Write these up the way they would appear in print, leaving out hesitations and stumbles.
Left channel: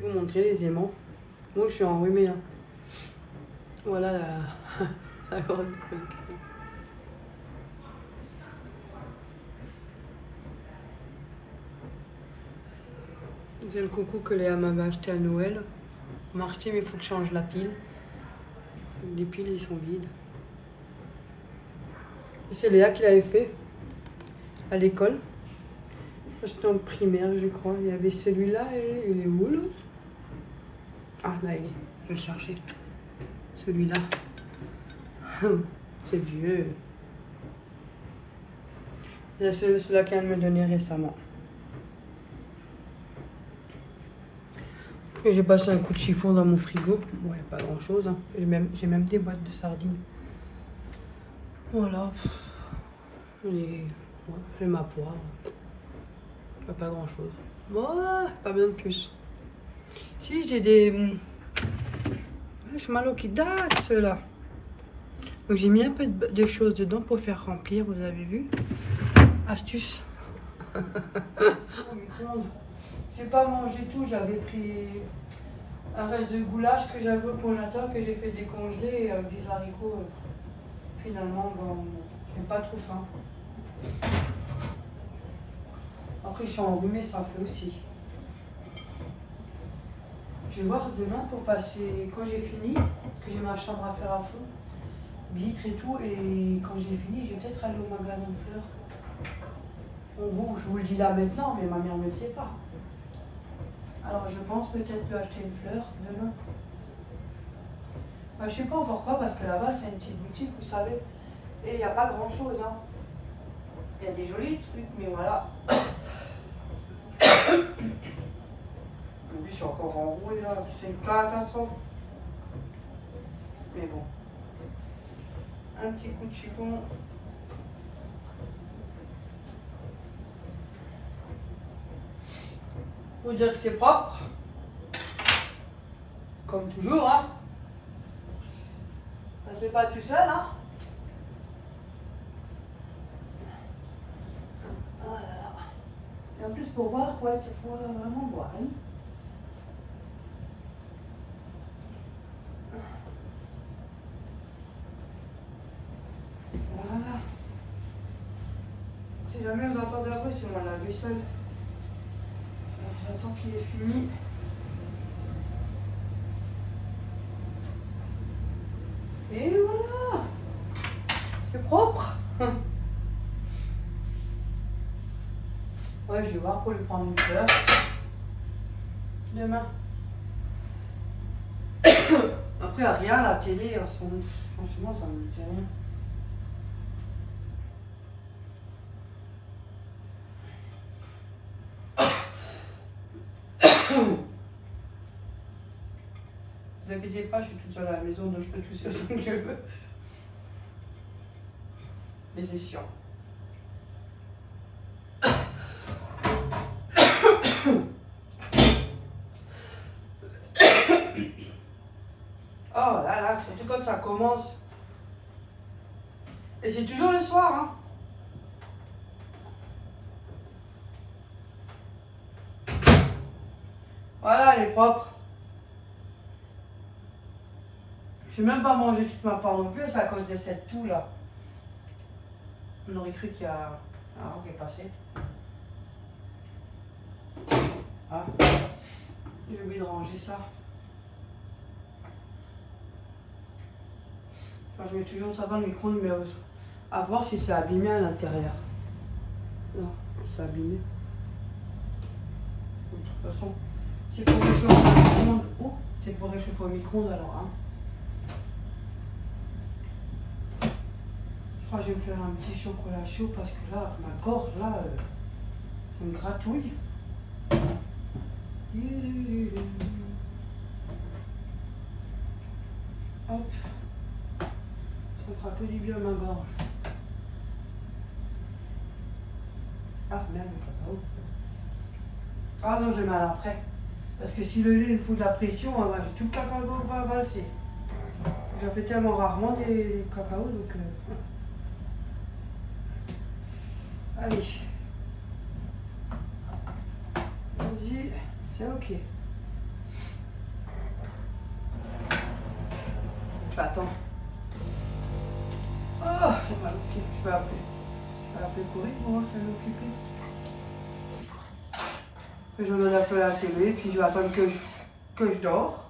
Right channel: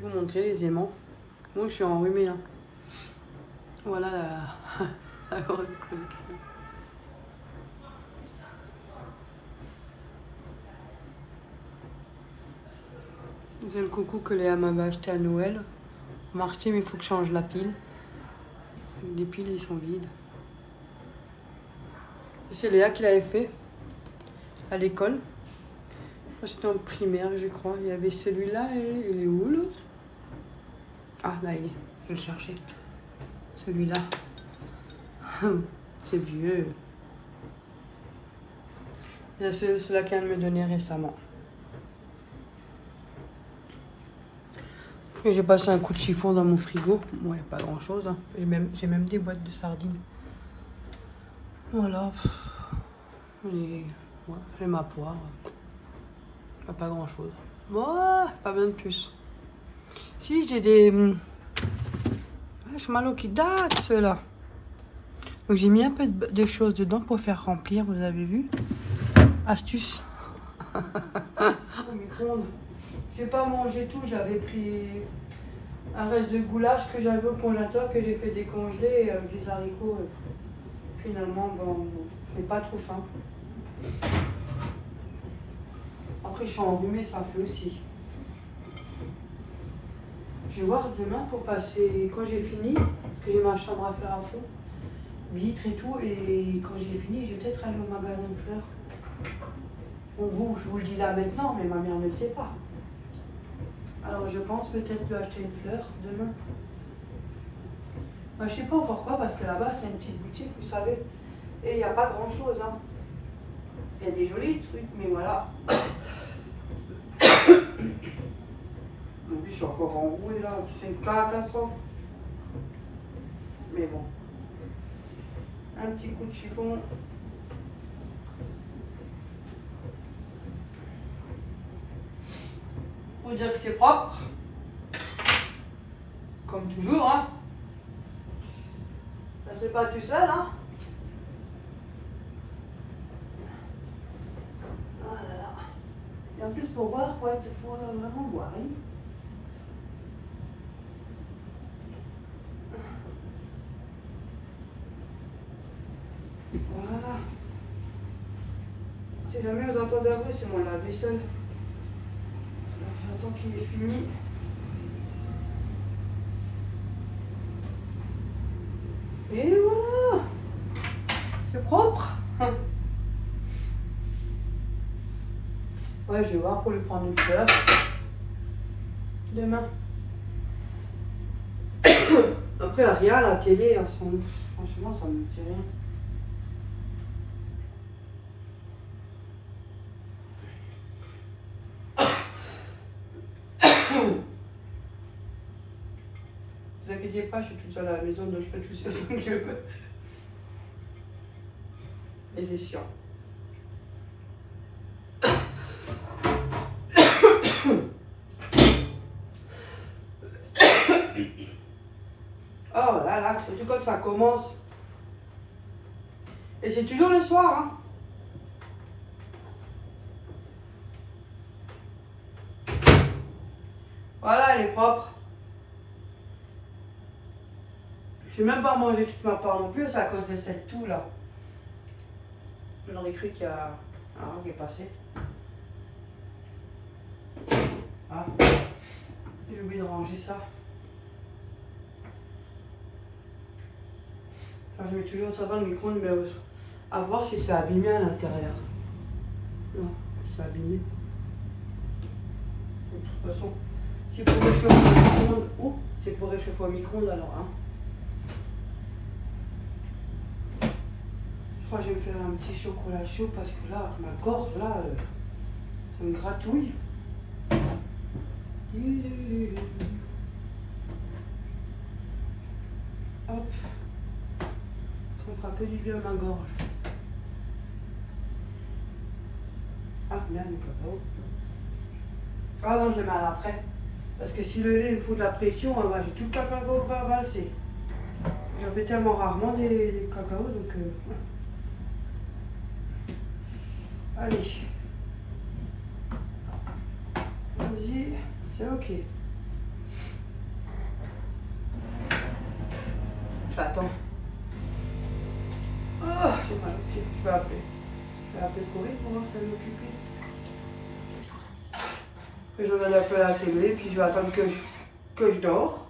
vous montrer les aimants. Moi, je suis enrhumée là. Voilà la grande collection. C'est le coucou que Léa m'avait acheté à Noël. Marché, mais il faut que je change la pile. Les piles, ils sont vides. C'est Léa qui l'avait fait à l'école. C'était en primaire, je crois. Il y avait celui-là et il est où l'autre? Ah, là, il est. Je vais le chercher. Celui-là. C'est vieux. Il y a celui-là qu'elle me donnait récemment. J'ai passé un coup de chiffon dans mon frigo. Bon, il n'y a pas grand chose. Hein. J'ai même des boîtes de sardines. Voilà. Et ma poire. Pas grand chose. Bon, pas besoin de plus. Si j'ai des marshmallows qui datent, ceux-là. Donc j'ai mis un peu de choses dedans pour faire remplir, vous avez vu. Astuce. J'ai pas mangé tout, j'avais pris un reste de goulash que j'avais au congélateur, que j'ai fait décongeler avec des haricots. Finalement, bon, j'ai pas trop faim. Après, je suis enrhumée, ça fait aussi. Je vais voir demain pour passer, quand j'ai fini, parce que j'ai ma chambre à faire à fond, vitre et tout, et quand j'ai fini, je vais peut-être aller au magasin de fleurs. Bon, je vous le dis là maintenant, mais ma mère ne le sait pas. Alors je pense peut-être lui acheter une fleur demain. Bah, je ne sais pas encore quoi, parce que là-bas, c'est une petite boutique, vous savez, et il n'y a pas grand-chose. Hein. Il y a des jolis trucs, mais voilà. Je suis encore enrouée là, c'est une catastrophe. Mais bon. Un petit coup de chiffon. Pour dire que c'est propre. Comme toujours, hein. Ça se fait pas tout seul, hein. Ah là là. Et en plus, pour voir quoi, il faut vraiment boire, hein. Voilà. Si jamais vous entendez un bruit, c'est mon lave-vaisselle. J'attends qu'il est fini. Et voilà. C'est propre. Ouais, je vais voir pour lui prendre une fleur. Demain. Après, rien, la télé, franchement, ça me dit rien. Ne vous inquiétez pas, je suis toute seule à la maison, donc je peux tout seul comme je veux. Et c'est chiant. Oh là là, surtout quand ça commence. Et c'est toujours le soir, hein. Voilà, elle est propre. J'ai même pas mangé toute ma part non plus, c'est à cause de cette toux là. On aurait cru qu'il y a un roc qui est passé. Ah, j'ai oublié de ranger ça. Enfin, je mets toujours ça dans le micro-ondes, mais à voir si c'est abîmé à l'intérieur. Non, c'est abîmé. De toute façon, c'est pour réchauffer au micro-ondes. Oh, c'est pour réchauffer au micro-ondes alors, hein. Je crois que je vais me faire un petit chocolat chaud parce que là, ma gorge, là, ça me gratouille. Hop. Ça fera que du bien à ma gorge. Ah, merde, le cacao. Ah non, je le mets après. Parce que si le lait me fout de la pression, moi, j'ai tout le cacao qui va valser. J'en fais tellement rarement des cacao, donc... Allez. Vas-y, c'est ok. Attends. Oh, j'ai mal au pied. Je vais appeler Corinne pour voir si elle est occupée. Je regarde un peu la télé, puis je vais attendre que je dors.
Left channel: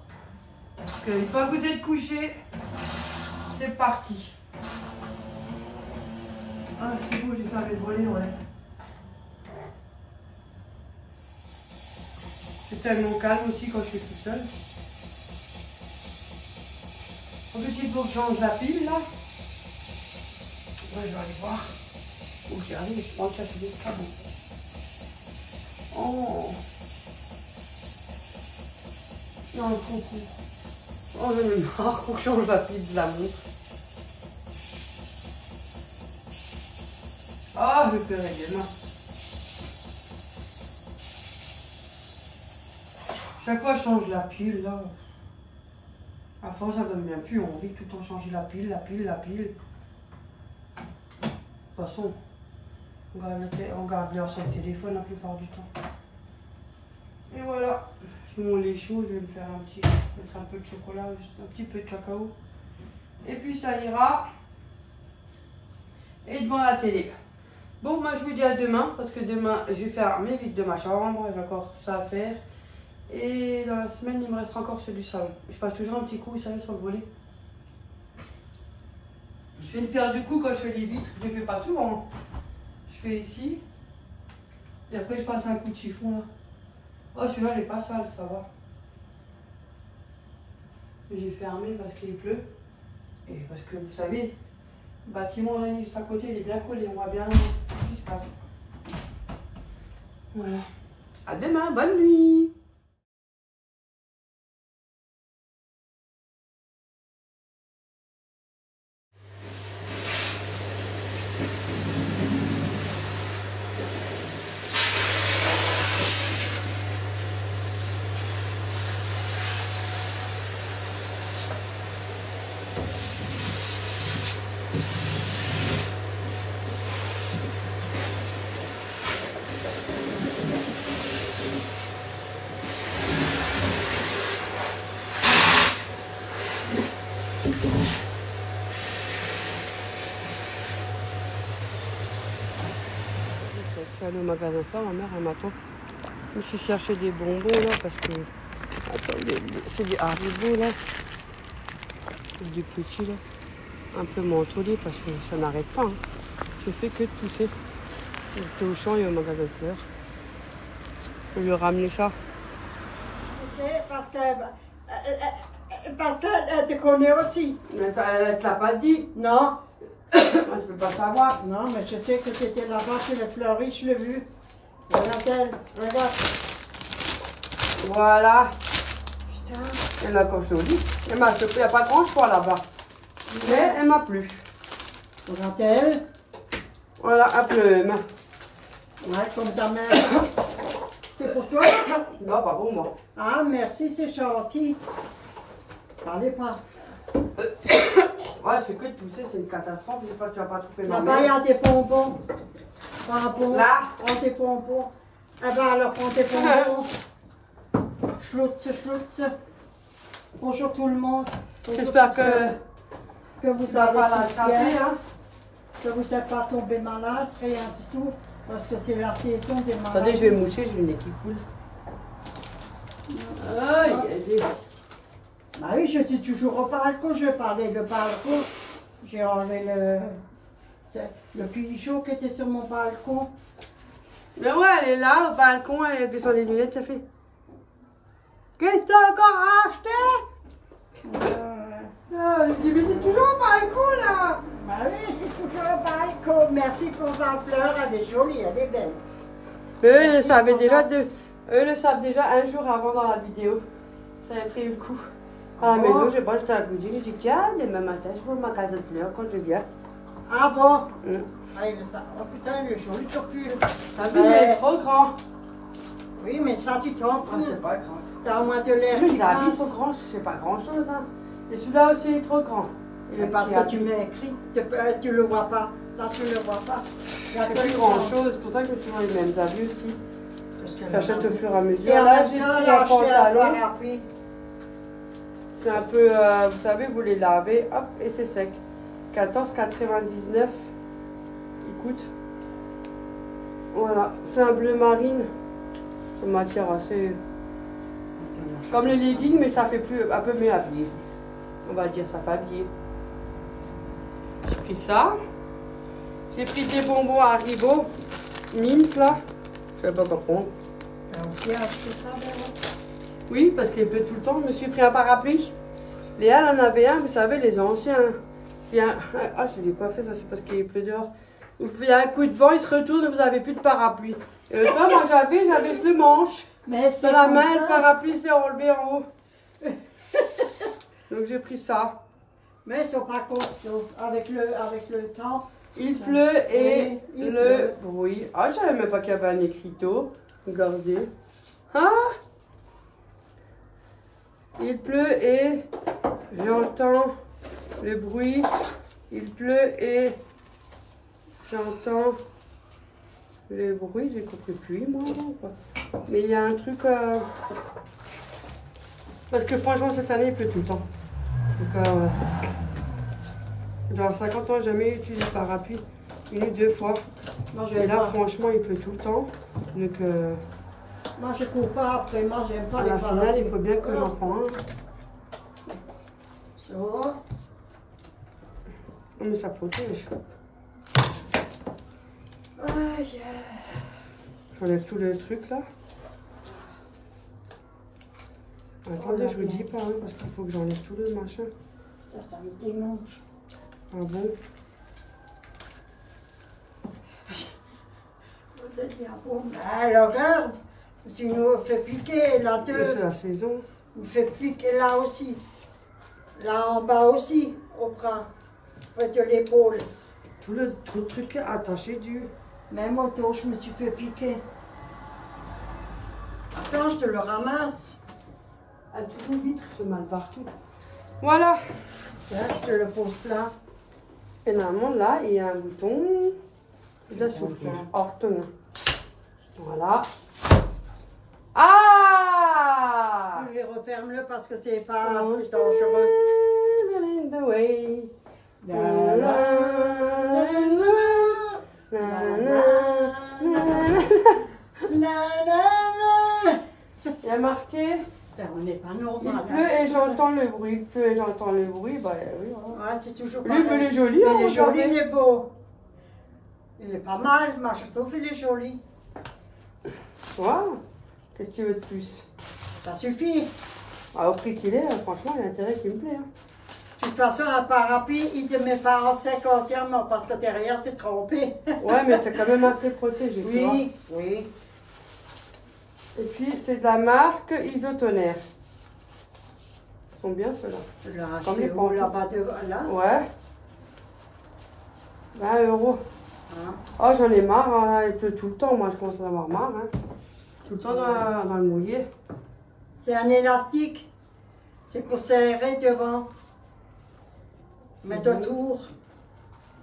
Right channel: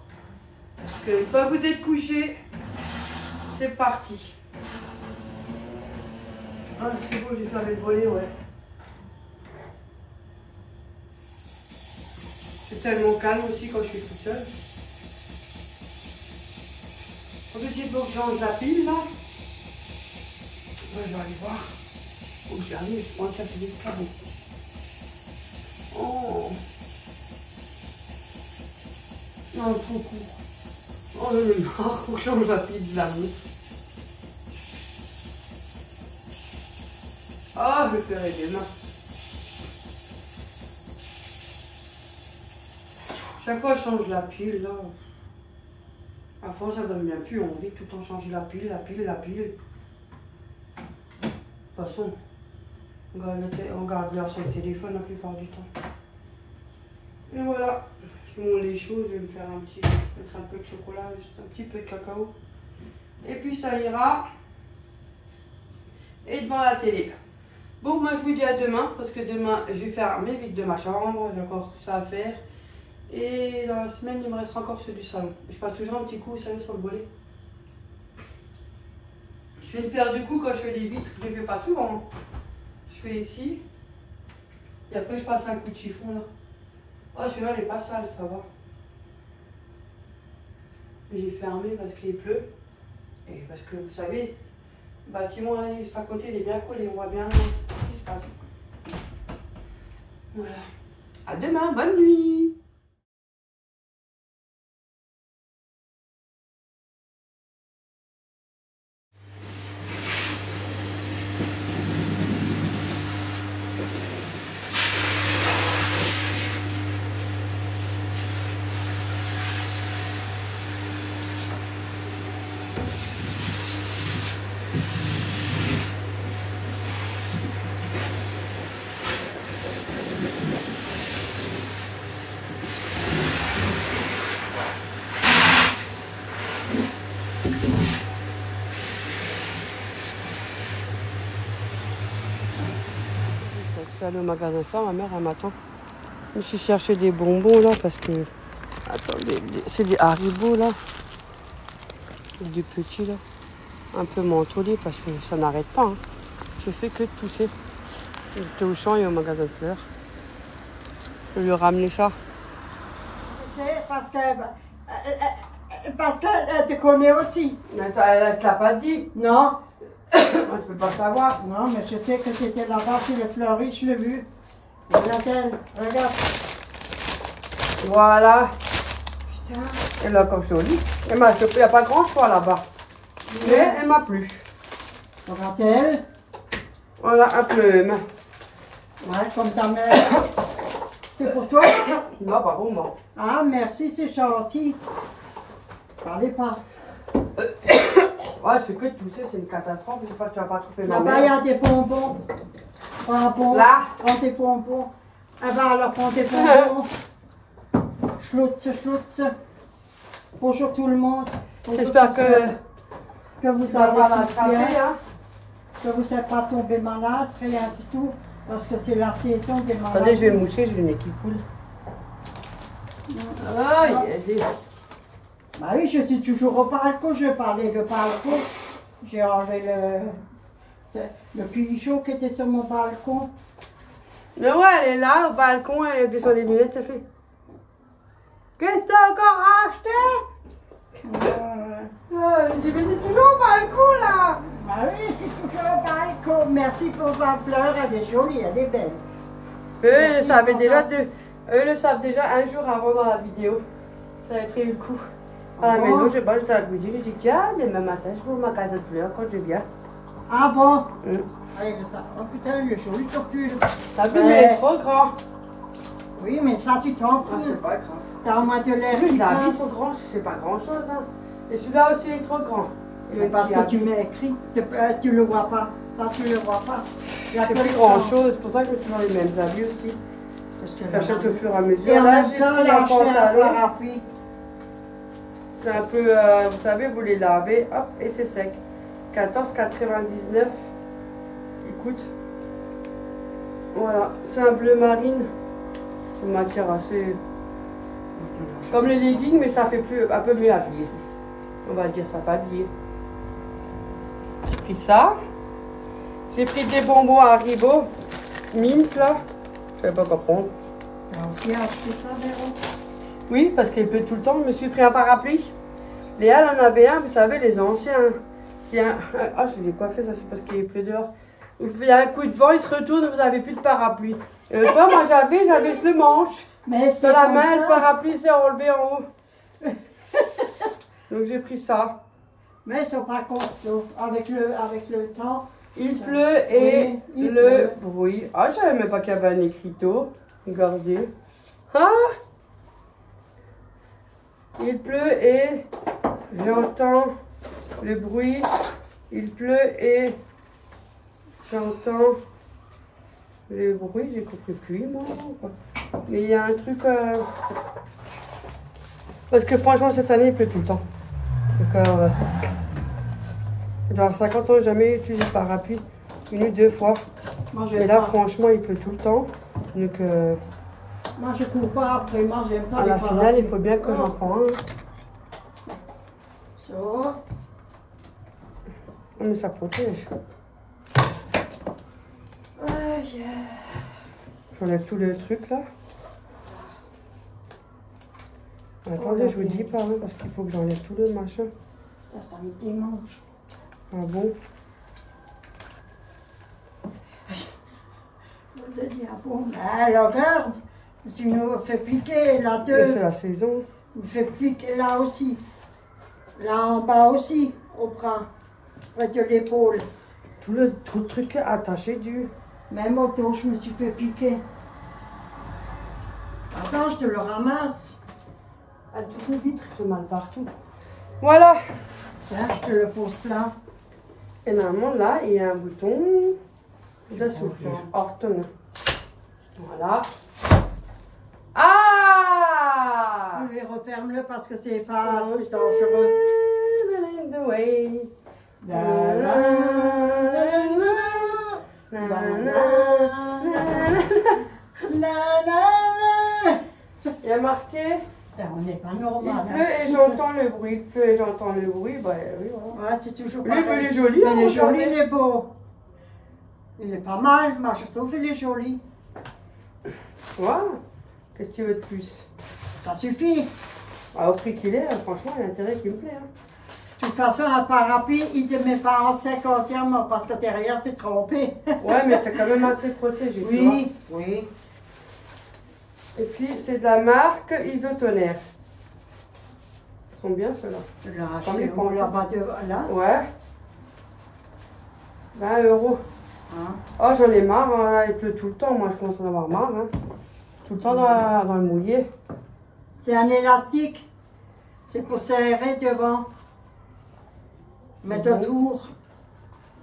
Parce qu'une fois que vous êtes couché, c'est parti. Ah, c'est bon, j'ai fermé le volet, ouais. C'est tellement calme aussi quand je suis toute seule. En plus, il faut que je change la pile, là. Ouais, je vais aller voir. Faut que j'y arrive, je pense que ça c'est l'escabeau. Oh. Non, trop court. Oh, j'en ai marre, faut que je change la pile de la montre. Ah, je vais pleurer demain. Chaque fois, je change la pile, là. À force, ça donne bien plus envie de tout le temps changer la pile. De toute façon, on garde l'heure sur le téléphone la plupart du temps. Et voilà. Mon lait chaud, je vais me faire mettre un peu de chocolat, juste un petit peu de cacao. Et puis ça ira. Et devant la télé. Bon, moi je vous dis à demain, parce que demain je vais faire mes vides de ma chambre, j'ai encore ça à faire. Et dans la semaine, il me restera encore ceux du salon. Je passe toujours un petit coup, vous savez, sur le volet. Je fais une paire de coups quand je fais les vitres, je ne fais pas souvent. Je fais ici. Et après, je passe un coup de chiffon là. Oh, celui-là, il n'est pas sale, ça va. Mais j'ai fermé parce qu'il pleut. Et parce que, vous savez, le bâtiment là, juste à côté, il est bien collé, on voit bien ce qui se passe. Voilà. À demain, bonne nuit. Je suis allée au magasin faire, ma mère elle m'attend. Je me suis cherché des bonbons là parce que. Attendez, c'est des Haribo là. C'est des petits là. Un peu mentholés parce que ça n'arrête pas. Hein. Je fais que de tousser. J'étais au champ et au magasin de fleurs. Je lui ai ramené ça. Parce qu'elle te connaît aussi. Mais elle ne t'a pas dit. Non. Moi, je peux pas savoir. Non, mais je sais que c'était là-bas chez les fleuristes, je l'ai vu. Regarde-elle, regarde. Voilà. Putain. Elle a comme jolie. Il n'y a pas grand choix là-bas. Mais elle m'a plu. Regarde-elle. Voilà, un plume. Ouais, comme ta mère. C'est pour toi? Non, pas pour moi. Ah, merci, c'est gentil. Parlez pas. Ouais, je fais que de tousser, c'est une catastrophe. Je sais pas, tu vas pas trouver ma Là-bas, il y mère. a des bonbons. Bonbons. Là? Prends tes bonbons. Ah ben alors, prends tes bonbons. Schloutz, schloutz. Bonjour tout le monde. J'espère que vous ça va allez pas bien, l'attraper là. que vous n'êtes pas tombé malade, rien du tout, parce que c'est la saison des malades. Attendez, je vais me moucher, j'ai le nez qui coule. Aïe, aïe. Bah oui, je suis toujours au balcon, je parlais le balcon. J'ai enlevé le pigeon qui était sur mon balcon. Mais ouais, elle est là, au balcon, elle est sur les lunettes, elle fait. Qu'est-ce que t'as encore acheté? Je dis, mais c'est toujours au balcon là. Bah oui, je suis toujours au balcon. Merci pour ma fleur, elle est jolie, elle est belle. Eux, ils le savent déjà un jour avant dans la vidéo. J'avais pris le coup. À la maison, j'étais à la cuisine, j'ai dit, tiens, demain matin, je vais au magasin de fleurs quand je viens. Ah bon? Oui, mais ça. Oh putain, il est joli ton pull. Ça vu, mais il est trop grand. Oui, mais ça, tu t'en Ah, fous. c'est pas grave. T'as au moins de l'air Les qui habits passe. sont grands, c'est pas grand chose. Hein. Et celui-là aussi est trop grand. Mais parce que tu m'as écrit, tu le vois pas. Ça, tu le vois pas. C'est plus grand chose, c'est pour ça que je suis dans les mêmes habits aussi. Parce que J'achète au fur et à Et mesure. en Là, même j'ai temps, pris là, un je fais un pantalon. parapluie. C'est un peu, vous savez, vous les lavez, hop, et c'est sec. 14,99. Écoute. Voilà, c'est un bleu marine. C'est une matière assez... Comme les leggings, mais ça fait plus, un peu mieux habillé. On va dire, ça fait habillé. J'ai pris ça. J'ai pris des bonbons Haribo. Mint, là. Je ne sais pas quoi prendre. T'as aussi acheté ça, Véro? Oui, parce qu'il pleut tout le temps. Je me suis pris un parapluie. Léa, elle en avait un, vous savez, les anciens. Il y a un... Ah, je l'ai pas fait, ça c'est parce qu'il pleut dehors. Il y a un coup de vent, il se retourne, vous n'avez plus de parapluie. Et l'autre fois, moi j'avais, je le manche. Mais Dans la main, le parapluie s'est enlevé en haut. Donc j'ai pris ça. Mais ils sont pas contents. Avec le temps. Il pleut et Oui, il le pleut. bruit. Ah, je savais même pas qu'il y avait un écriteau. Regardez. Ah! Il pleut et j'entends le bruit. Il pleut et j'entends le bruit. J'ai compris pluie, moi. Mais il y a un truc... Parce que franchement, cette année, il pleut tout le temps. Donc, dans 50 ans, j'ai jamais utilisé le parapluie. 1 ou 2 fois. Moi, Et là, franchement, il pleut tout le temps. Donc, moi, je cours pas après. Moi, j'aime pas à les la finale, parapluies. il faut bien que j'en prenne un. Ça. Oh, mais ça protège. Aïe. J'enlève tout le truc là. Attendez, je vous dis pas, hein, parce qu'il faut que j'enlève tout le machin. Ça me dimanche. Ah bon? Je te dis, ah bon, alors regarde, si nous fait piquer là, Mais c'est la saison. me fait piquer là aussi. Là en bas aussi, au bras, près de l'épaule. Tout le truc est attaché du... Même au dos, je me suis fait piquer. Attends, je te le ramasse. Ah, tout le vitre fait mal partout. Voilà. Là, je te le pose là. Et normalement, là, il y a un bouton de la soupe. Orton. Voilà. Ah! Je vais referme-le parce que c'est pas assez dangereux. The way. La, la, la, la. Il y a marqué. On n'est pas Il normal. pleut et j'entends le bruit. Il pleut et j'entends le bruit. Bah oui, voilà. Ouais, c'est toujours Lui, pareil. il est joli. Mais il est joli, il est beau. Il est pas mal, moi je trouve qu'il est joli. Wow. Qu'est-ce que tu veux de plus? Ça suffit. Ah, au prix qu'il est, franchement, il y a intérêt qu'il me plaît. Hein. De toute façon, un parapluie, il te met pas en 50e parce que derrière c'est trompé. Ouais, mais t'as quand même assez protégé. tu vois. Oui, oui. Et puis, c'est de la marque Isotonnerre. Ils sont bien ceux-là. Tu l'as Comme acheté les où pantoufles. là-bas là? Ouais. 20 €. Hein? Oh, j'en ai marre, hein. Il pleut tout le temps. Moi, je commence à en avoir marre. Hein. Tout le temps dans le mouillé. C'est un élastique. C'est pour serrer devant. Mettre bon. autour.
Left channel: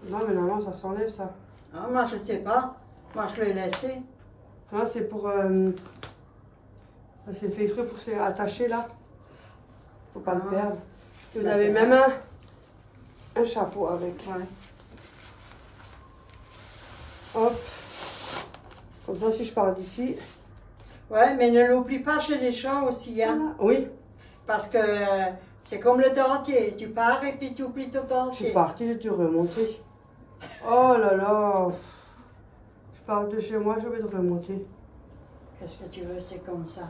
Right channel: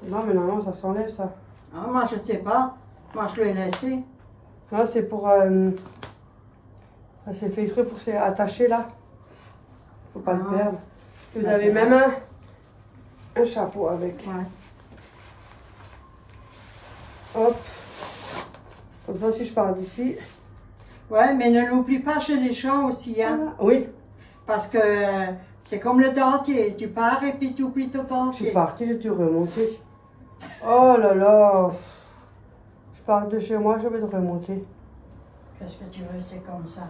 Non, mais normalement, ça s'enlève, ça. Ah, moi je sais pas. Moi je l'ai laissé. Non, c'est pour... c'est fait exprès pour s'attacher, là. Faut pas le Ah. perdre. Vous Bah, avez c'est même un chapeau avec. Ouais. Hop. Comme ça, si je pars d'ici... Ouais, mais ne l'oublie pas chez les chats aussi, hein. Voilà. Oui, Parce que c'est comme le dentier. Tu pars et puis tu oublies ton je suis dentier. partie, j'ai dû remonter. Oh là là. Je pars de chez moi, je vais le remonter. Qu'est-ce que tu veux, c'est comme ça.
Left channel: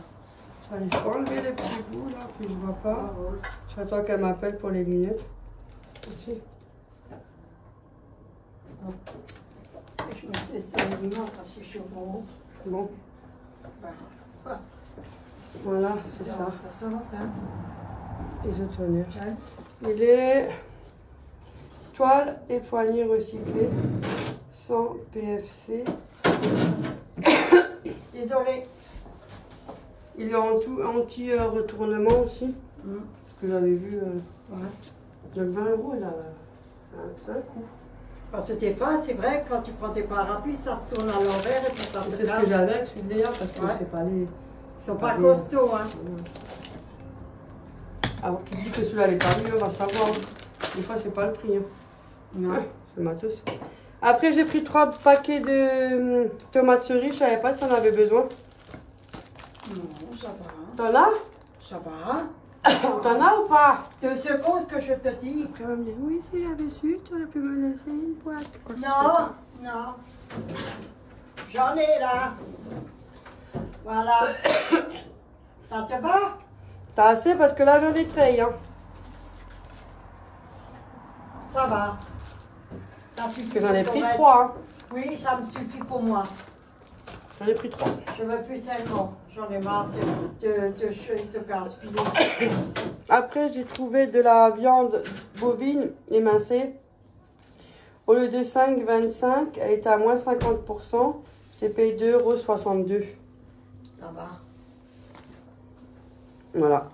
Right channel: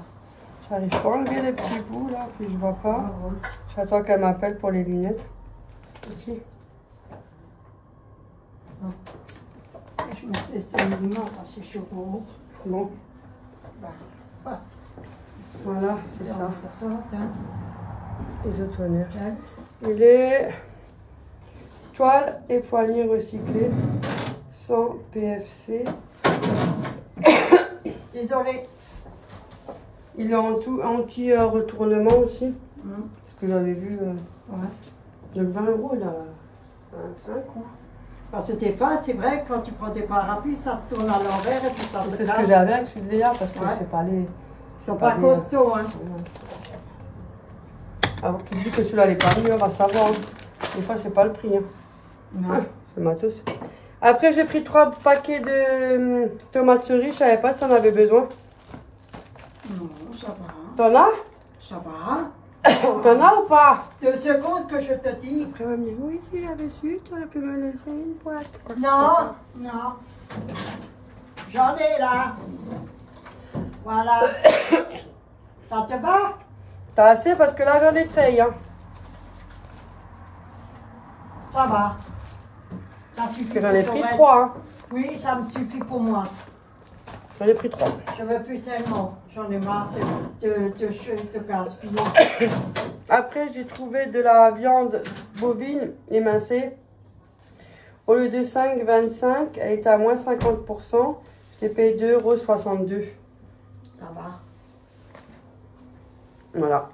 J'arrive pas à enlever les petits bouts là, puis je vois pas. Ah, ouais. J'attends qu'elle m'appelle pour les lunettes. Ici. Je mettais ça mignon parce que je suis au haut. Bon, Bah, voilà, c'est ça. ça. Hein. Isotonnerre. Il est toile et poignée recyclée, sans PFC. Désolée. Il est anti-retournement aussi. Ce que j'avais vu. Ouais. Donc 20 €, il a un coup. Parce que tes fins, c'est vrai, quand tu prends tes parapluies, ça se tourne à l'envers et puis ça se C'est ce casse. que j'avais avec celui-là parce que Ouais. c'est pas les. Ils sont pas costauds, hein. Alors qui dit que celui-là n'est pas mieux, on va savoir. Des fois, c'est pas le prix. Hein. Non. C'est matos. Après, j'ai pris 3 paquets de tomates cerises. Je savais pas si t'en avais besoin. Non, ça va. T'en as? Ça va. T'en as ou pas? 2 secondes que je te dis. Après, on va me dire, oui, si j'avais su, tu aurais pu me laisser une boîte. Quoi, Non, non. J'en ai là. Voilà. Ça te va? T'as assez parce que là, j'en ai 13. Hein. Ça va. Ça suffit Que j'en ai pour pris mettre- 3. Hein. Oui, ça me suffit pour moi. J'en ai pris 3. Je veux plus tellement. J'en ai marre de gaspiller. Après, j'ai trouvé de la viande bovine émincée. Au lieu de 5,25, elle était à moins 50%. J'ai payé 2,62 €. Ça va. Voilà.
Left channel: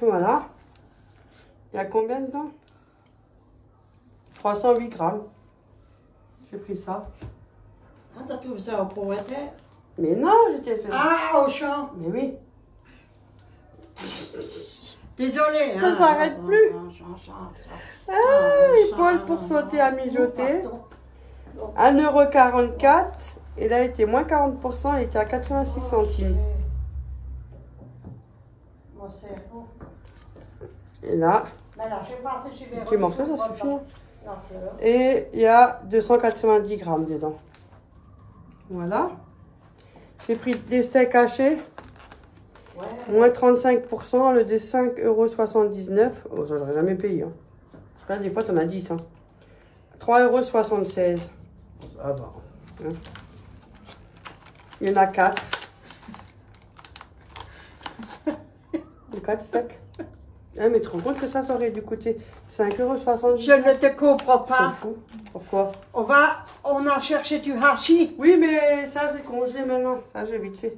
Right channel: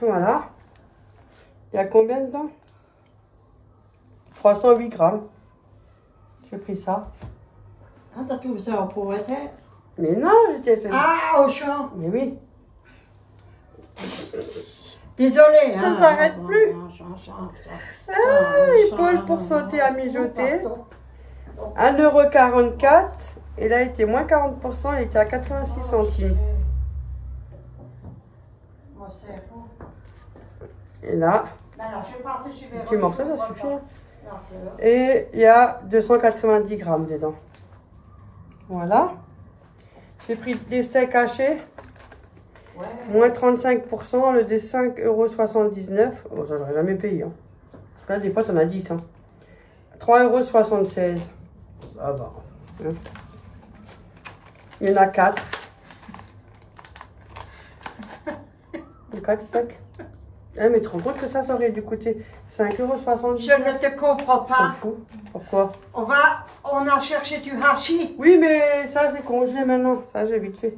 Voilà. Il y a combien dedans? 308 grammes. J'ai pris ça. Ah, t'as trouvé ça en pauvreté? Mais non, j'étais... Ah, au champ. Mais oui. Désolée. Ça s'arrête plus. Ah, épaule pour sauter à mijoter. 1,44 €. Et là, il était moins 40%. Il était à 86 centimes. Et là, tu morceaux, ça suffit. Hein. Et il y a 290 grammes dedans. Voilà. J'ai pris des steaks hachés. Moins 35%, le de 5,79 €. Oh, ça, j'aurais jamais payé. Hein. Là, des fois, t'en as 10. Hein. 3,76 €. Ah bah. Hein. Il y en a 4. 4 steaks. Eh, mais tu te rends compte que ça aurait dû coûter 5,70 €. Je ne te comprends C'est pas. fou. Pourquoi? On a cherché du hachis. Oui, mais ça, c'est congelé maintenant. Ça, j'ai vite fait.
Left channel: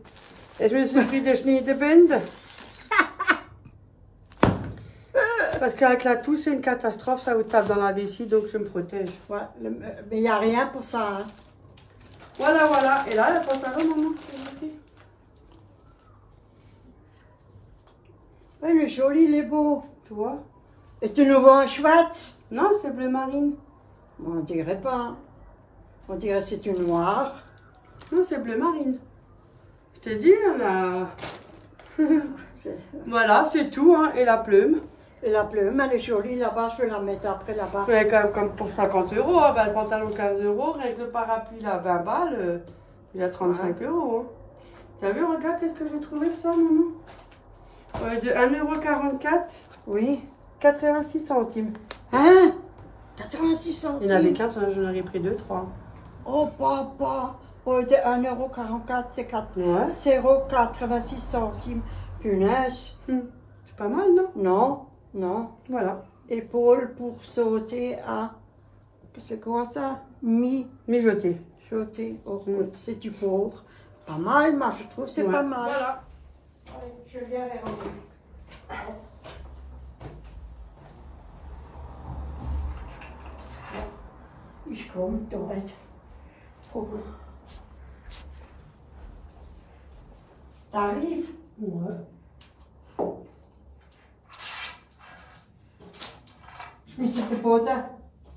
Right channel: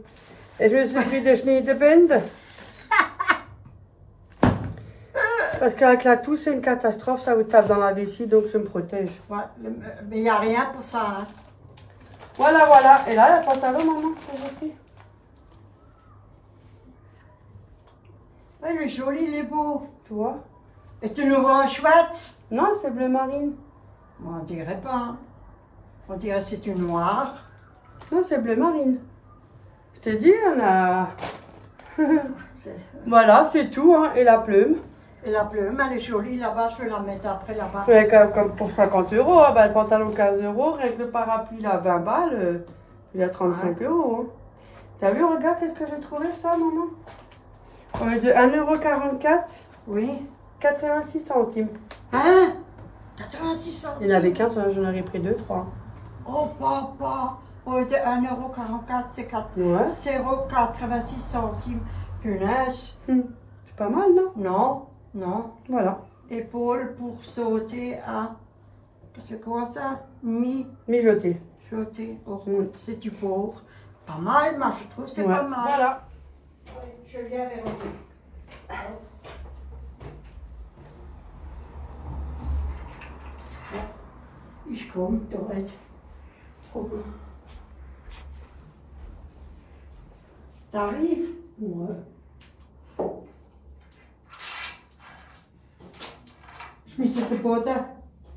Et je me suis pris des Schneidebend. Parce qu'avec la toux, c'est une catastrophe. Ça vous tape dans la vessie, donc je me protège. Ouais, mais il n'y a rien pour ça. Hein. Voilà, voilà. Et là, le pantalon, maman, que j'ai pris. Oui, il est joli, il est beau. Tu vois? Et tu le vois chouette? Non, c'est bleu marine. On dirait pas. On dirait que c'est une noire. Non, c'est bleu marine. Je t'ai dit, on a... Voilà, c'est tout, hein. Et la plume. Et la plume, elle est jolie là-bas. Je vais la mettre après là-bas. C'est quand même comme pour 50 €. Hein. Bah, le pantalon 15 €. Avec le parapluie, là, 20 balles. Il y a 35 €. Hein. T'as vu, regarde, qu'est-ce que j'ai trouvé, ça, maman? On est de 1,44 €. Oui. 86 centimes. Hein? 86 centimes. Il n'y en avait qu'un, j'en aurais pris 2, 3. Oh, papa. On est de 1,44 €, c'est 0,86 centimes. Punaise. C'est pas mal, non? Non, non. Voilà. Épaule pour sauter à... C'est quoi ça? Mijoté. Sauter. Oh, c'est du pauvre. Pas mal, moi, je trouve, c'est pas mal. Voilà. Je l'ai avec moi. Ich komme direkt. T'arrives? Ouais. Je me suis fait poter.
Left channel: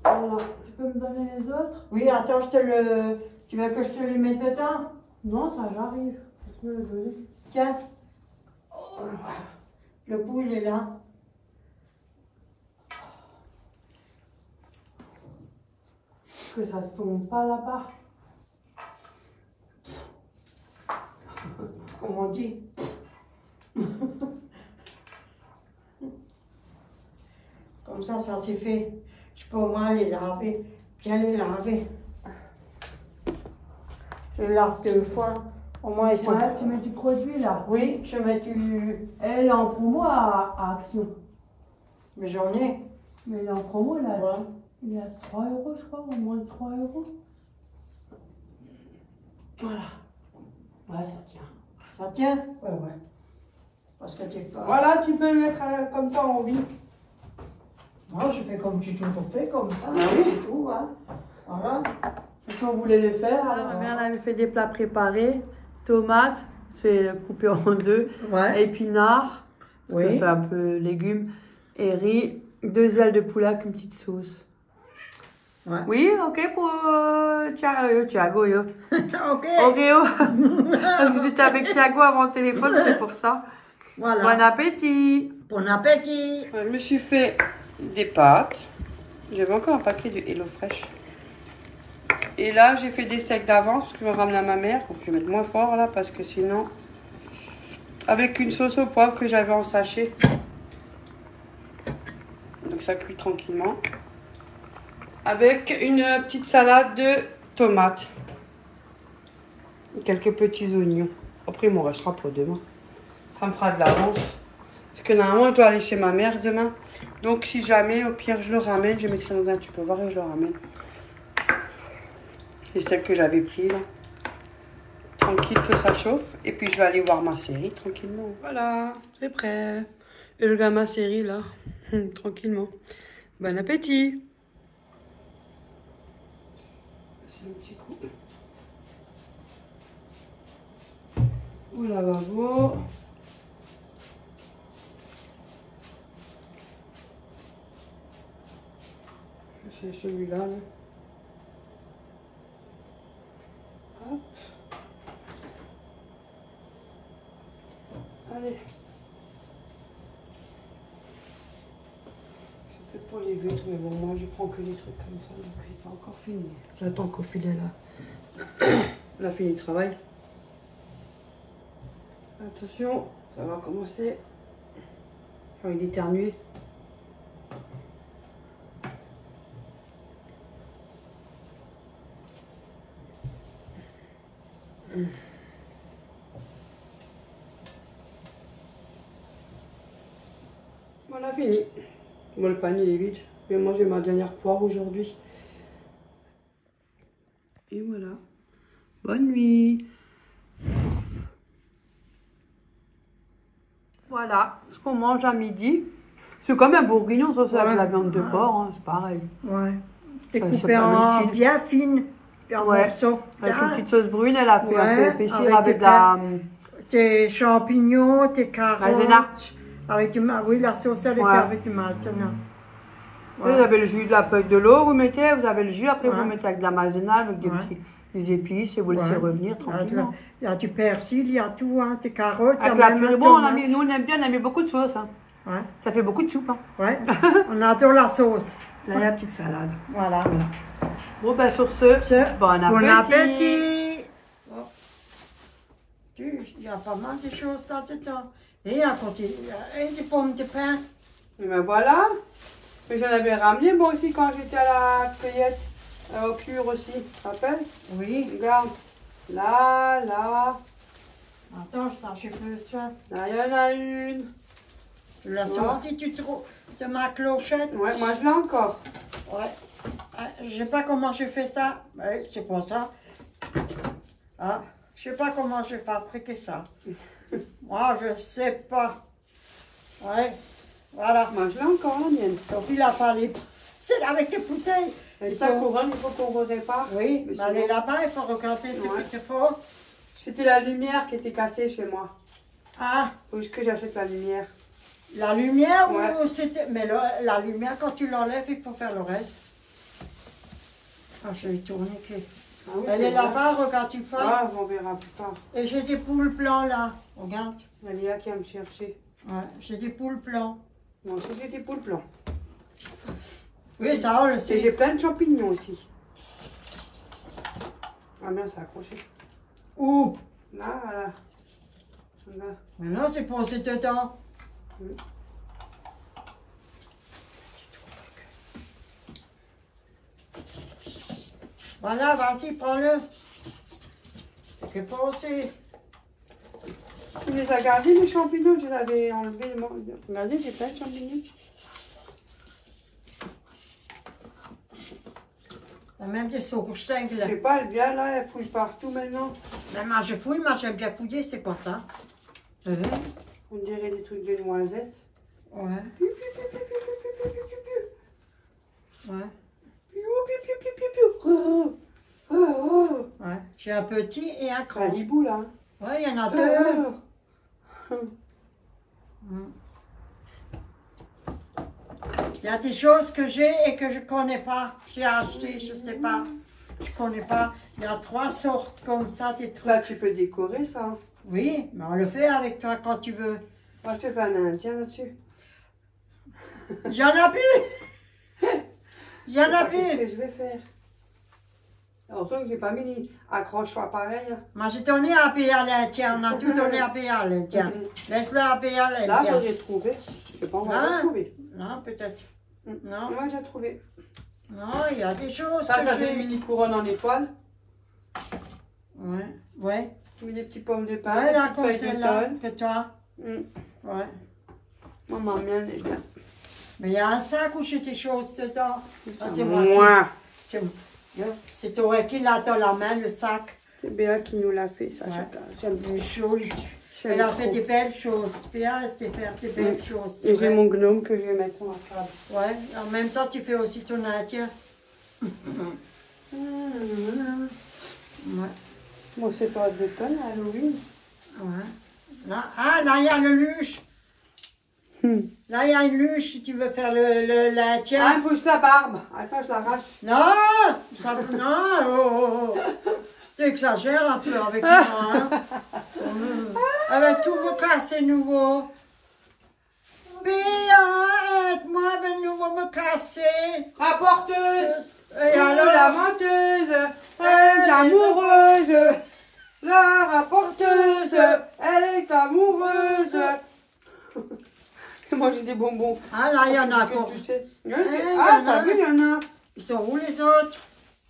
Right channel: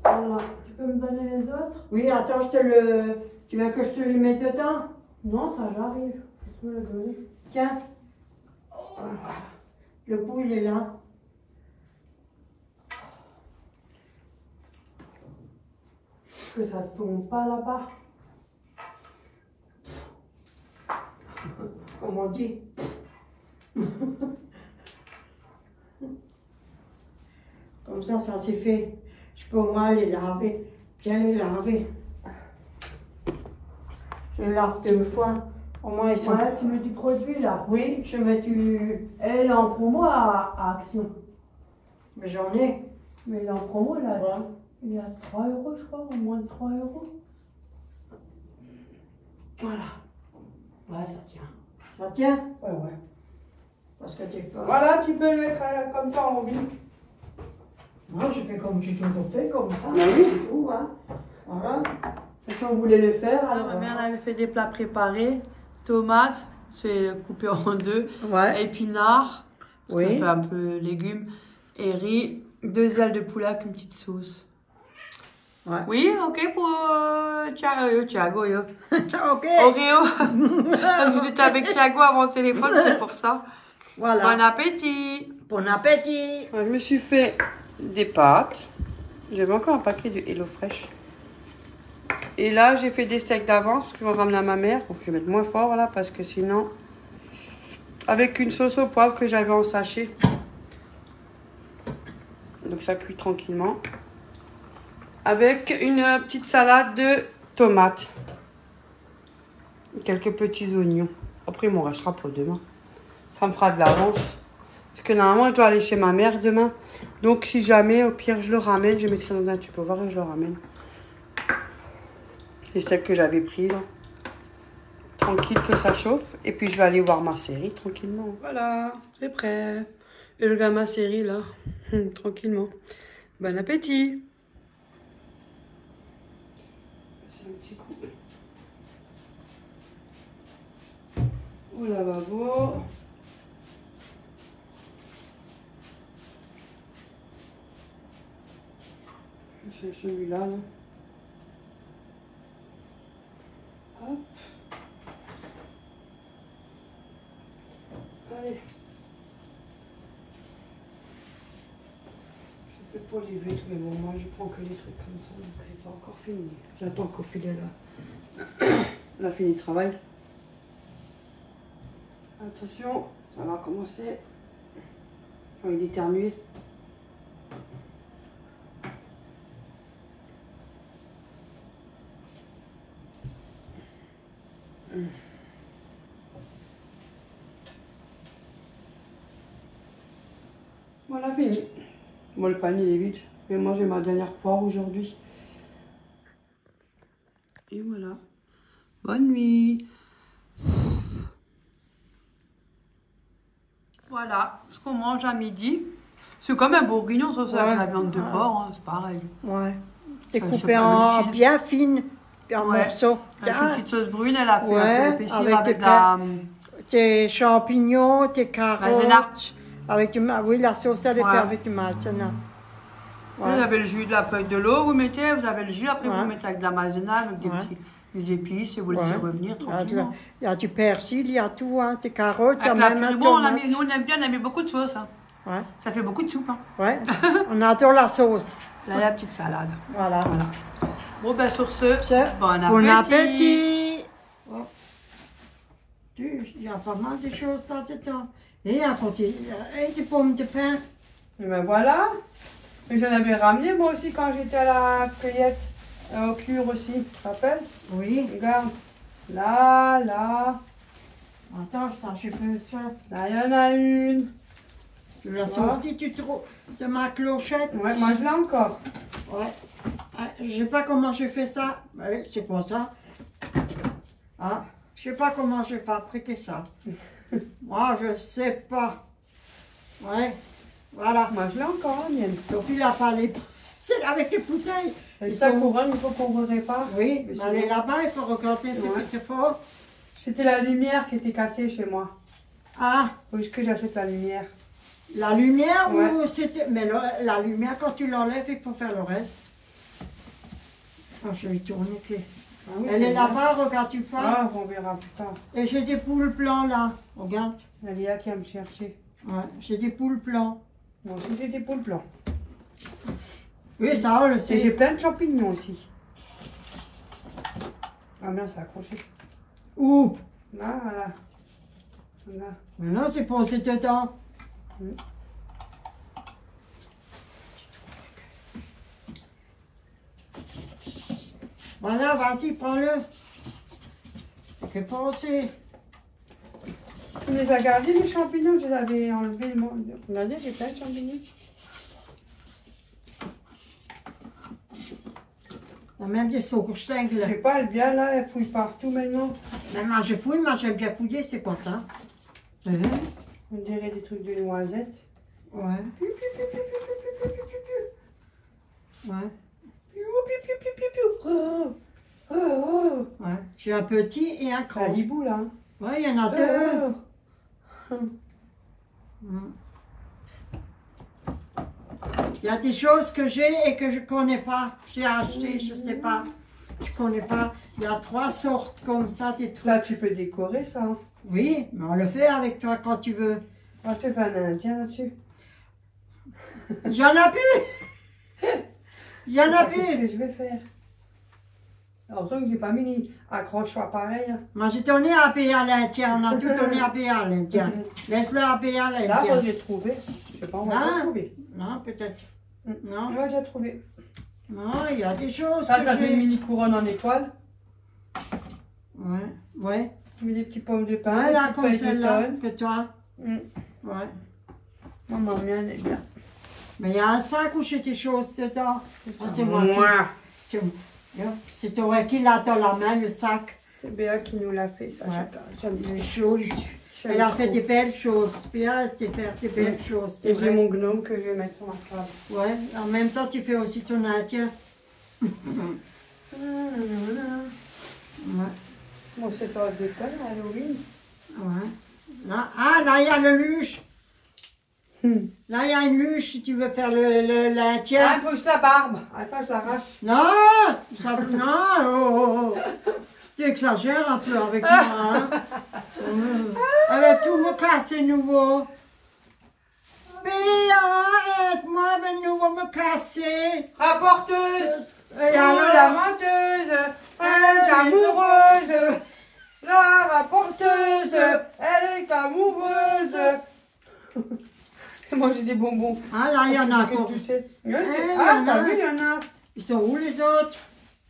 Voilà. Tu peux me donner les autres? Oui, attends, je te le... Tu veux que je te les mette dedans? Non, ça j'arrive. Tu peux me le donner. Tiens. Le bout, il est là. Que ça ne tombe pas là-bas. Comme on dit. Comme ça s'est fait. Je peux au moins les laver. Bien les laver. Je les lave 2 fois. Au moins ils sont... Ouais, tu mets du produit là. Oui, je mets du... Elle est en promo à Action. Mais j'en ai. Mais elle est en promo là. Ouais. Il est à 3 €, je crois, ou moins de 3 €. Voilà. Ouais, ça tient. Ça tient? Ouais, ouais. Parce que t'es pas... Voilà, tu peux le mettre comme ça en vie. Moi, je fais comme tu toujours fais, comme ça. Ah oui. C'est tout, hein. Voilà. Si on voulait le faire, alors ma mère elle avait fait des plats préparés, tomates, c'est coupé en deux. Ouais. Épinards, parce que Oui. je fais un peu légumes, et riz, 2 ailes de poulet avec une petite sauce. Ouais. Oui, ok pour Thiago, yo. Ok. Oreo. Parce que j'étais avec Thiago avant le téléphone, c'est pour ça. Voilà. Bon appétit. Bon appétit. Je me suis fait des pâtes. J'avais encore un paquet de HelloFresh. Et là, j'ai fait des steaks d'avance parce que je vais ramener à ma mère. Faut que je mette moins fort là parce que sinon... Avec une sauce au poivre que j'avais en sachet. Donc ça cuit tranquillement. Avec une petite salade de tomates. Quelques petits oignons. Après, il m'en restera pour demain. Ça me fera de l'avance. Parce que normalement, je dois aller chez ma mère demain. Donc, si jamais, au pire, je le ramène. Je mettrai dans un tupperware et je le ramène. Les steaks que j'avais pris, là. Tranquille que ça chauffe. Et puis, je vais aller voir ma série tranquillement. Voilà, c'est prêt. Et je regarde ma série, là. Tranquillement. Bon appétit. C'est un petit coup. Au lavabo. C'est celui-là, là. Hop. Allez. Je fais pour les vitres, mais bon, moi je prends que des trucs comme ça, donc j'ai pas encore fini. J'attends qu'au filet là. On a fini le travail. Attention, ça va commencer. Je vais éternuer. Voilà, fini. Bon, le panier est vide. Mais moi, j'ai ma dernière poire aujourd'hui. Et voilà. Bonne nuit. Voilà ce qu'on mange à midi. C'est comme un bourguignon saucé avec la viande de porc, hein, c'est pareil. Ouais. C'est Ouais, coupé pas le en style. bien fine, en Ouais. morceaux. Avec Ah, une petite sauce brune, elle a fait un peu Ouais, épaissir avec avec la... tes champignons, tes carottes. Maïzena. Avec du oui, la sauce, elle est Ouais. faite avec du maïzena. Vous avez le jus de la feuille de l'eau, vous mettez, vous avez le jus, après Ouais. vous mettez avec de la maïzena, avec des Ouais. petits des épices et vous laissez Ouais. revenir tranquillement. Il y a du persil, il y a tout, hein, tes carottes. il y a Avec la même purée, la bon, on a tomate. mis, nous on aime bien, on a mis beaucoup de sauce. Hein. Ouais, Ça fait beaucoup de soupe. Hein. ouais. On adore la sauce. Là, la petite salade. Voilà. Voilà. Bon, ben sur ce, bon appétit. Bon appétit. Oh. Il y a pas mal de choses là-dedans. Et à côté, et des pommes de pain. Et ben voilà. Mais j'en avais ramené moi aussi quand j'étais à la cueillette, au cure aussi, tu te rappelles? Oui. Regarde. Là, là, Attends, je fais ça. là, il y en a une. Tu l'as Ouais. sorti de ma clochette. Ouais, moi je l'ai encore. Ouais. Ah, je sais pas comment j'ai fait ça. Oui, c'est pour ça. Ah, je sais pas comment j'ai fabriqué ça. Moi, je sais pas. Ouais. Voilà. Moi je l'ai encore la mienne. Sophie l'a pas les... C'est avec les bouteilles. Et Ils sa sont- couronne, il faut qu'on répare. Oui, Mais mais elle est sinon- là-bas, il faut regarder ce Ouais. qu'il te faut. C'était la lumière qui était cassée chez moi. Ah, Faut que j'achète la lumière. la lumière Ouais. ou c'était... Mais la lumière, quand tu l'enlèves, il faut faire le reste. Ah, je vais tourner. Ah oui, Elle c'est est bien. là-bas, regarde, tu fais. Ah, on verra plus tard. Et j'ai des poules blancs là. Regarde. La Léa qui va me chercher. Ouais, j'ai des poules blancs. Moi aussi j'ai des poules blancs. Oui, ça, on le Et j'ai sait. plein de champignons aussi. Ah merde, c'est accroché. Où? Là, voilà. Là. Maintenant, c'est posé dedans. Mm. Voilà, vas-y, prends-le. Fais passer. Tu les as gardés les champignons, je les avais enlevés. Regardez, j'ai plein de champignons. Il y a même des Je sais sauerstengel. pas, elle vient là, elle fouille partout maintenant. Mais moi, je fouille, moi, j'aime bien fouiller. C'est quoi ça? On dirait des trucs de noisettes. Ouais, Piu, piu, piu, piu, piu, piu, piu, piu, piu, piu. ouais, Piu, piu, piu, piu, piu, piu. Oh, oh, oh. ouais. J'ai un petit et un Un grand. hibou là. Hein. Oui, il y en a deux. Il y a des choses que j'ai et que je ne connais pas. J'ai acheté, je ne sais pas. Je ne connais pas. Il y a 3 sortes comme ça, des trucs. Là, tu peux décorer ça. Oui, mais on le fait avec toi quand tu veux. Moi, je te fais un indien là-dessus. Il y en a plus. Il y en a Qu'est-ce plus. que je vais faire? Alors, que j'ai pas mis les accroche-toi pareil. Hein. Moi, j'ai donné à payer à l'Indien. On a tout donné à payer à l'Indien. Laisse-le à payer à Là, l'Indien. j'ai trouvé. Je sais pas, on va Ah. déjà trouver. Non, peut-être. Non, Moi, j'ai trouvé. non, il y a des choses Ça, que ça fait une j'ai. mini couronne en étoile. Ouais, ouais. Tu mets des petits pommes de pain, Ouais, des là, petites comme feuilles celle-là, d'automne. que toi. Mm. Ouais. Maman, mais elle est bien. Mais il y a un sac où j'ai des choses dedans. Ah, C'est moi. C'est toi qui l'a dans la main, le sac. C'est Béa qui nous l'a fait, ça. Ouais. J'aime bien. Les choses. Elle a fait des belles choses. Bien, elle sait faire des belles choses. c'est Et j'ai vrai. mon gnome que je vais mettre sur ma table. Ouais, en même temps, tu fais aussi ton indien. Ouais. Bon, c'est pas de tonne, Halloween. Ouais. Là, ah, là, il y a le luche. Là, il y a une luche si tu veux faire l'indien. Ah, il faut que je la barbe. Attends, je l'arrache. Non, ça, non, oh, oh. Tu exagères un peu avec moi, hein. Elle va tout me casser nouveau. Béa, aide-moi, elle va nouveau me casser. Rapporteuse. Et alors, La menteuse. Elle est amoureuse. La rapporteuse. Elle est amoureuse. Moi, j'ai des bonbons. ah là, il y en a Que encore. tu sais. il y Ah, en t'as a. vu, il y en a. Ils sont où les autres?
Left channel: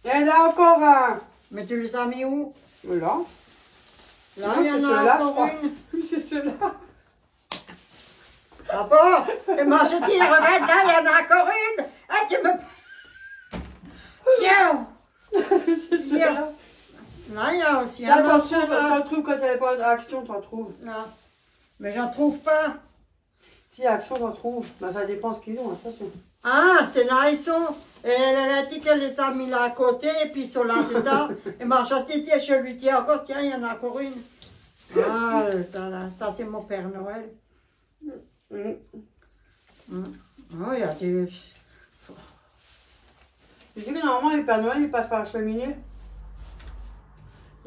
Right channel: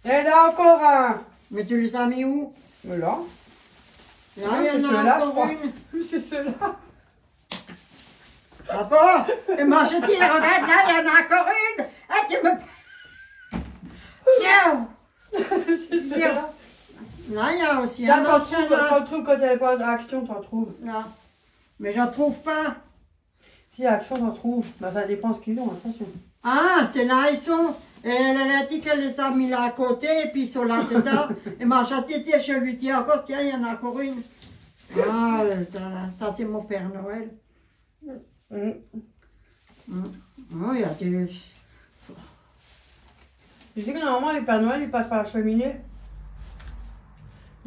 Elle a encore un. Mais tu les as mis où? Voilà. Là, Non, il y en c'est a ceux-là, je encore crois. une. C'est ceux-là. Ah bon? Et moi, je dis, regarde, là, il y en a encore une. Ah, tu me... Tiens. C'est ceux-là. Là, il y a aussi Ça, un t'en autre. trouves quand il n'y a pas d'action, t'en trouves. Non. Mais j'en trouve pas. Si, action, t'en trouves. Bah, ça dépend ce qu'ils ont, attention. Ah, c'est là, ils sont. Elle a dit qu'elle les a mis là à côté, et puis ils sont là dedans. Et moi, je lui dis encore, tiens, il y en a encore une. Ah, ça, c'est mon Père Noël. Oh, il y a des... Tu sais que normalement, les Pères Noël, ils passent par la cheminée.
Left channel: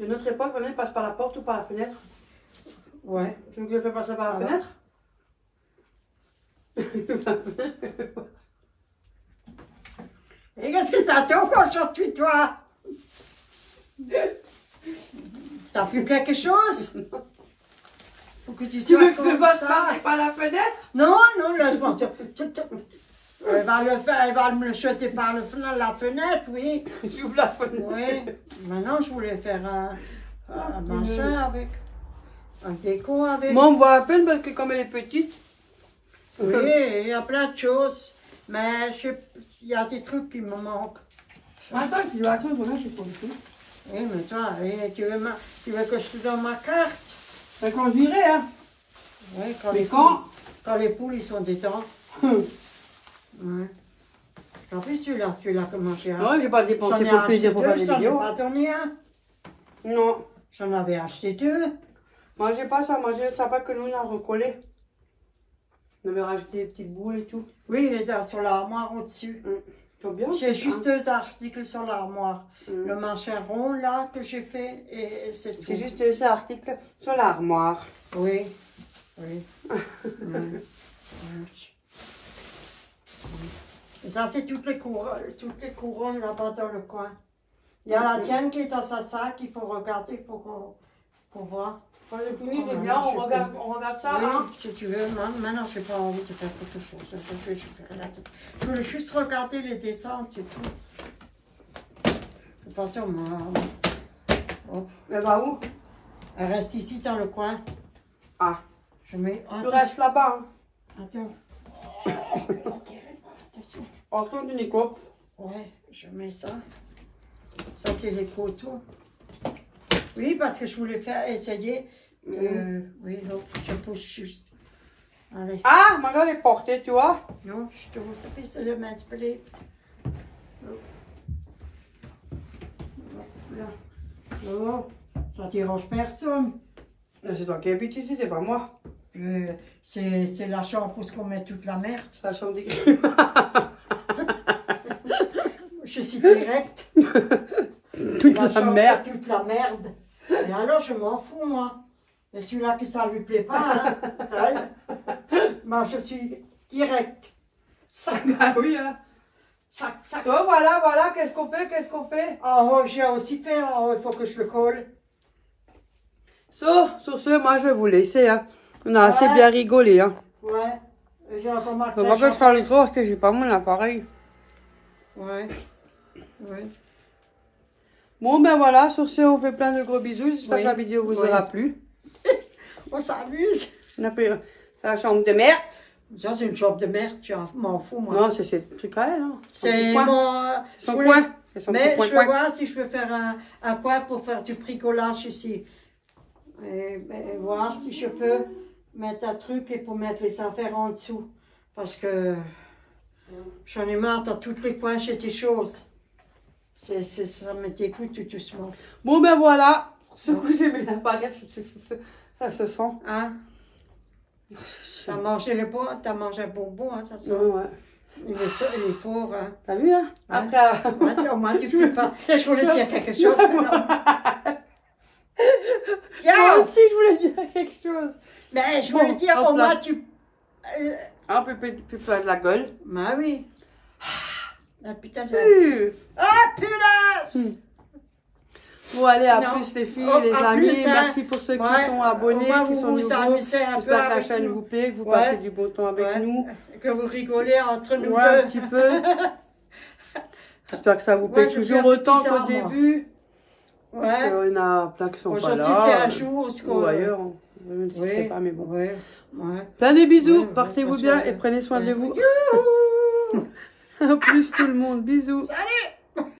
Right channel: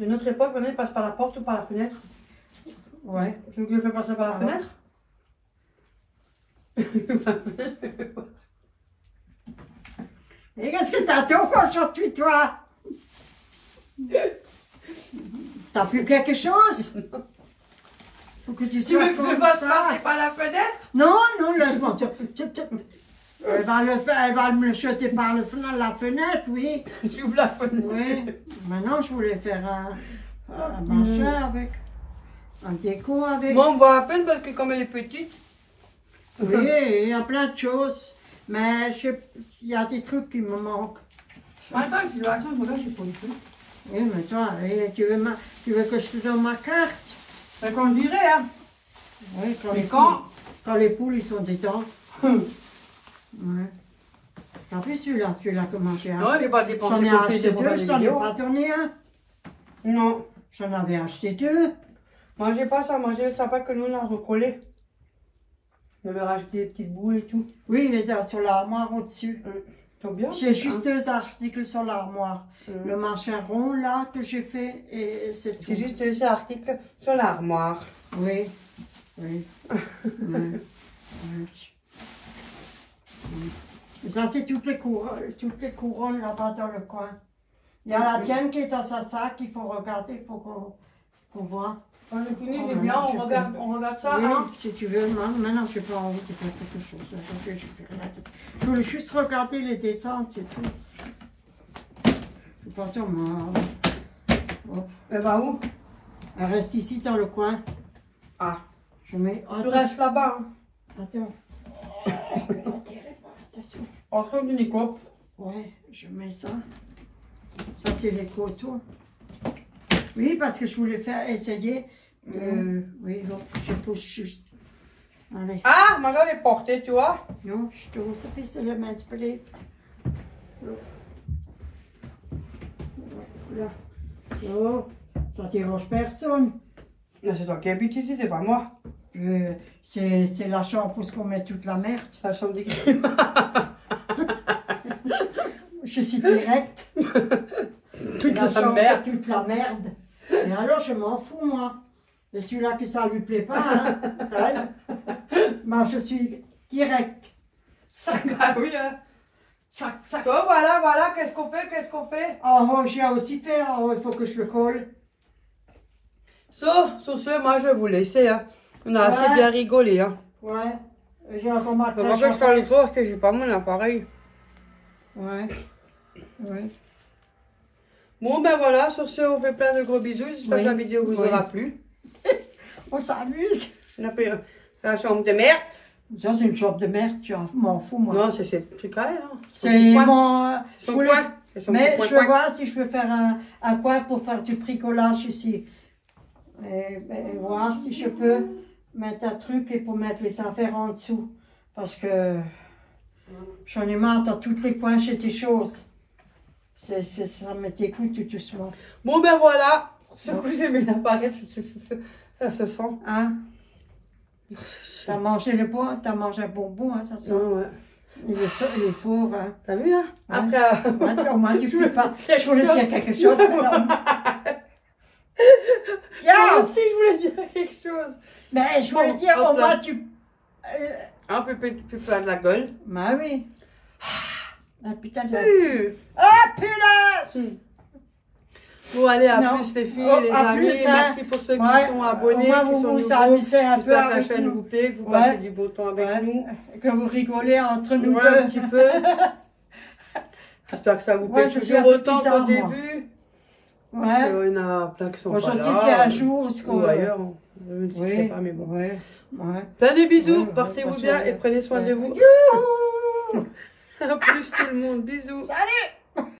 De notre époque, on ils passent par la porte ou par la fenêtre. Ouais. Tu veux que je le fais passer par la Ah ouais. fenêtre? Et qu'est-ce que t'as tout aujourd'hui, toi? T'as plus quelque chose? Faut que tu Tu sois veux que je comme passe ça. par la fenêtre? Non, non, laisse-moi. Elle va me le jeter par la fenêtre, oui. J'ouvre la fenêtre. Oui. Maintenant, je voulais faire un machin avec. Un déco avec. Moi, on voit à peine parce que comme elle est petite. Oui, il y a plein de choses. Mais il y a des trucs qui me manquent. Attends, je dis, attends, je vais pour le coup. Oui, mais toi, tu veux que je te donne ma carte? C'est quand je dirais, hein. Oui, Mais quand les poules ils sont dedans. Ouais. T'as vu celui-là comment j'ai Non, j'ai pas dépensé J'en ai pour le acheté plaisir pour deux, voir je les t'en ai vidéos. pas donné un. Non. J'en avais acheté deux. Moi, j'ai pas ça. Moi, j'ai le sapin que nous, on a recollé. On avait rajouté des petites boules et tout. Oui, il était sur l'armoire au-dessus. C'est bien. J'ai juste deux articles sur l'armoire. Le machin rond là que j'ai fait et c'est tout. C'est juste ça, article sur l'armoire. Oui, oui. Ouais. Ouais. Et ça, c'est toutes les couronnes là-bas dans le coin. Il y a la tienne qui est dans sa sac, il faut regarder, il faut qu'on voit. Quand je finis, Oh, c'est bien, maintenant, on regarde ça. Oui, Hein. si tu veux. Maintenant, je n'ai pas envie de faire quelque chose. Je fais rien d'autre. Je voulais juste regarder les descentes, c'est tout. De toute façon, moi... Hop. Elle va où? Elle reste ici dans le coin. Ah. Je mets... Tu restes là-bas. Hein. Attends. Attention. Entre du Nico. Ouais, je mets ça. Ça, c'est les coteaux. Oui, parce que je voulais faire essayer. Oui, hop, je pousse juste. Allez. Ah, moi j'allais porter, tu vois. Non, je te vois, ça fait c'est le mince blé. Là. Oh, ça dérange personne. Mais c'est toi qui habites ici, c'est pas moi. C'est la chambre où on met toute la merde. C'est la chambre des crimes. Je suis directe. Toute la chambre, merde. toute la merde. Mais alors, je m'en fous, moi. Et celui-là que ça lui plaît pas, hein. Ouais. Moi, je suis directe. Sac. Ah oui, hein. Sac. Oh, voilà, qu'est-ce qu'on fait? Oh, j'ai aussi fait, il faut que je le colle. Sur ce, moi, je vais vous laisser, hein. On a assez Ouais. bien rigolé, hein. Ouais. J'ai encore ma On va pas faire le tour parce que j'ai pas mon appareil. Ouais. Ouais. Bon, ben voilà, sur ce, on fait plein de gros bisous. J'espère Oui. que la vidéo vous Oui. aura plu. On s'amuse. On a fait la chambre de merde. Ça, c'est une chambre de merde, tu m'en fous, moi. Non, c'est le truc à elle, hein. C'est mon... Son je voulais- coin. C'est son Mais petit je veux coin. voir si je peux faire un coin pour faire du bricolage ici. Et voir si je peux mettre un truc et pour mettre les affaires en dessous. Parce que j'en ai marre dans tous les coins chez tes choses. Ça me dégoûte tout doucement. Bon, ben voilà. Ce coup, j'ai mis l'appareil, ça se sent. Hein? T'as mangé le bon, t'as mangé un bonbon, hein, ça sent. Non, ouais. Il est fort, hein. T'as vu, hein? Ouais. Après, Ouais, au moins tu peux pas. Je voulais dire quelque chose, mais non. moi Yo! aussi, je voulais dire quelque chose. Mais je voulais Bon, dire, hop au moins là. tu... Un peu plein de la gueule. Bah oui. Ah putain de... Hmm. Ah punaise! Bon, allez, à Non. plus les filles, Oh, les à amis. plus, hein. Merci pour ceux qui Ouais, sont abonnés, au moins qui vous sont vous nouveaux. amusez un peu J'espère que la avec chaîne nous. vous plaît, que vous Ouais. passez du beau temps avec Ouais. nous. Que vous rigolez entre nous Ouais, un deux. petit peu. J'espère que ça vous Ouais, plaît je suis toujours un peu autant qu'au bizarre, moi. début. Ouais. Il y en a plein qui sont pas là. Aujourd'hui c'est un jour ce qu'on... Ou ailleurs. Je ne citerai Oui, pas, mais bon. oui, ouais. Plein de bisous, Ouais, portez-vous ouais, bien ouais. et prenez soin de Ouais. vous. À plus tout le monde, bisous. Salut!